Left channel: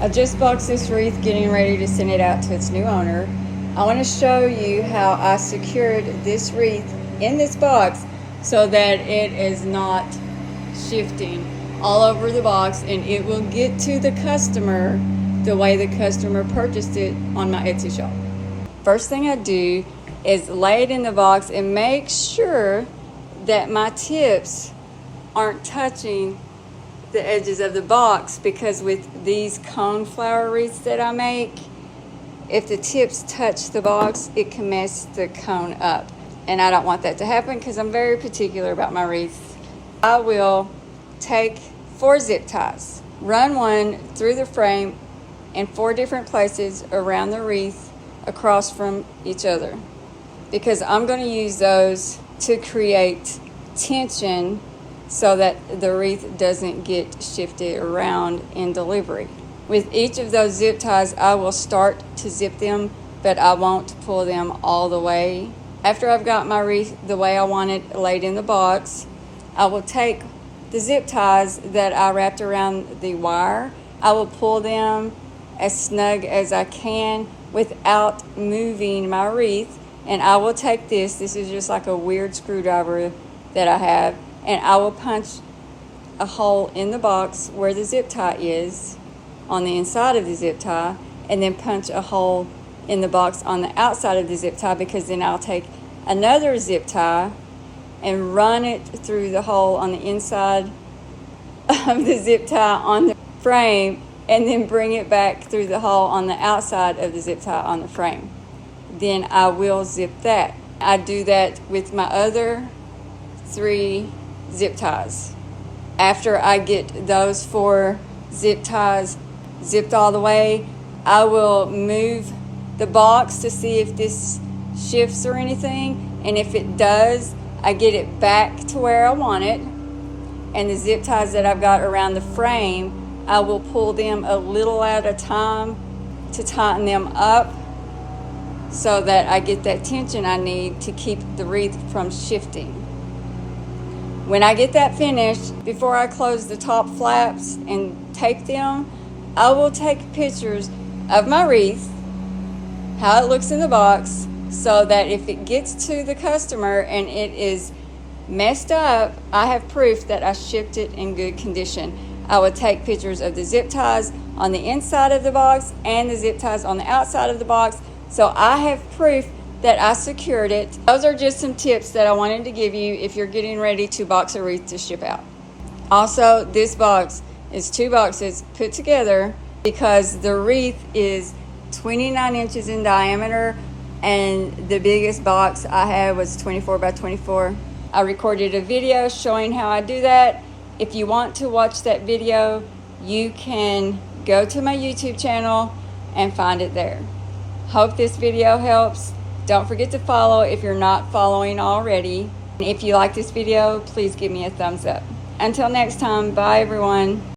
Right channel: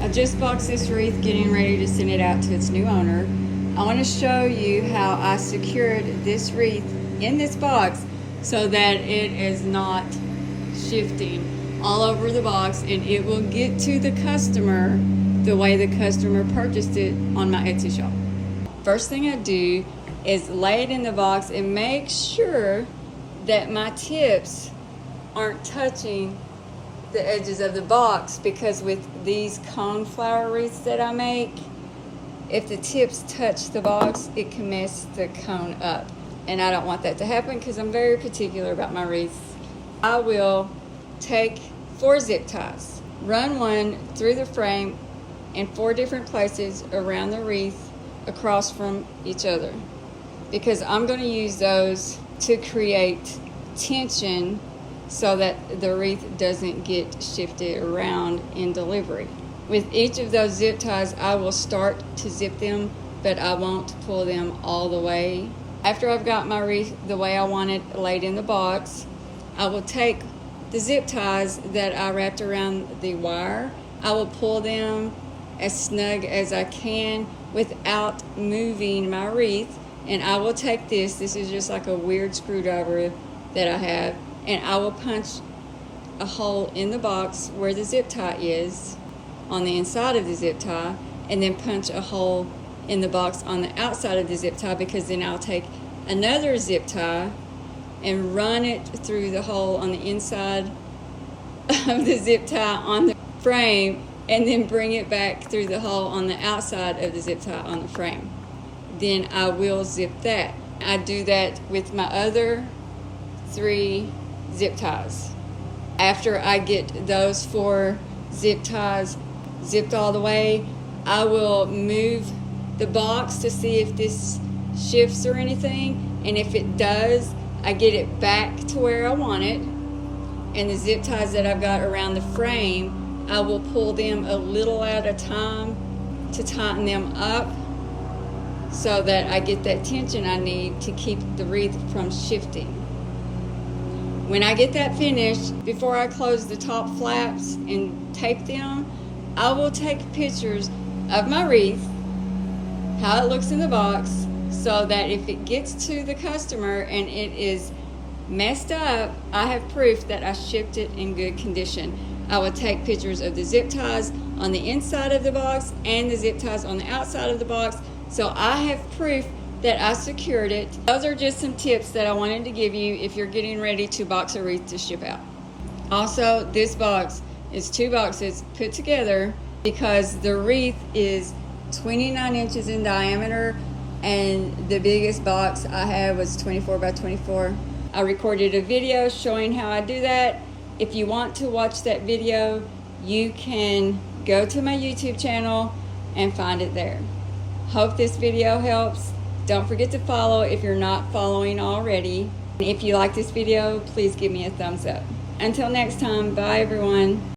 I just boxed this wreath, getting ready to send it out to its new owner. I want to show you how I secured this wreath in this box so that it is not shifting all over the box, and it will get to the customer the way the customer purchased it on my Etsy shop. First thing I do is lay it in the box and make sure that my tips aren't touching the edges of the box, because with these cone flower wreaths that I make, if the tips touch the box, it can mess the cone up, and I don't want that to happen because I'm very particular about my wreaths. I will take 4 zip ties, run one through the frame in 4 different places around the wreath across from each other, because I'm going to use those to create tension so that the wreath doesn't get shifted around in delivery. With each of those zip ties, I will start to zip them, but I won't pull them all the way. After I've got my wreath the way I want it laid in the box, I will take the zip ties that I wrapped around the wire. I will pull them as snug as I can without moving my wreath, and I will take this is just like a weird screwdriver that I have, and I will punch a hole in the box where the zip tie is on the inside of the zip tie, and then punch a hole in the box on the outside of the zip tie, because then I'll take another zip tie and run it through the hole on the inside of the zip tie on the frame, and then bring it back through the hole on the outside of the zip tie on the frame. Then I will zip that. I do that with my other 3 zip ties. After I get those 4 zip ties zipped all the way, I will move the box to see if this shifts or anything, and if it does, I get it back to where I want it. And the zip ties that I've got around the frame, I will pull them a little at a time to tighten them up so that I get that tension I need to keep the wreath from shifting. When I get that finished, before I close the top flaps and tape them, I will take pictures of my wreath, how it looks in the box, so that if it gets to the customer and it is messed up, I have proof that I shipped it in good condition. I would take pictures of the zip ties on the inside of the box and the zip ties on the outside of the box, so I have proof that I secured it. Those are just some tips that I wanted to give you if you're getting ready to box a wreath to ship out. Also, this box is 2 boxes put together because the wreath is 29 inches in diameter, and the biggest box I had was 24 by 24. I recorded a video showing how I do that. If you want to watch that video, you can go to my YouTube channel and find it there. Hope this video helps. Don't forget to follow if you're not following already. If you like this video, please give me a thumbs up. Until next time, bye everyone.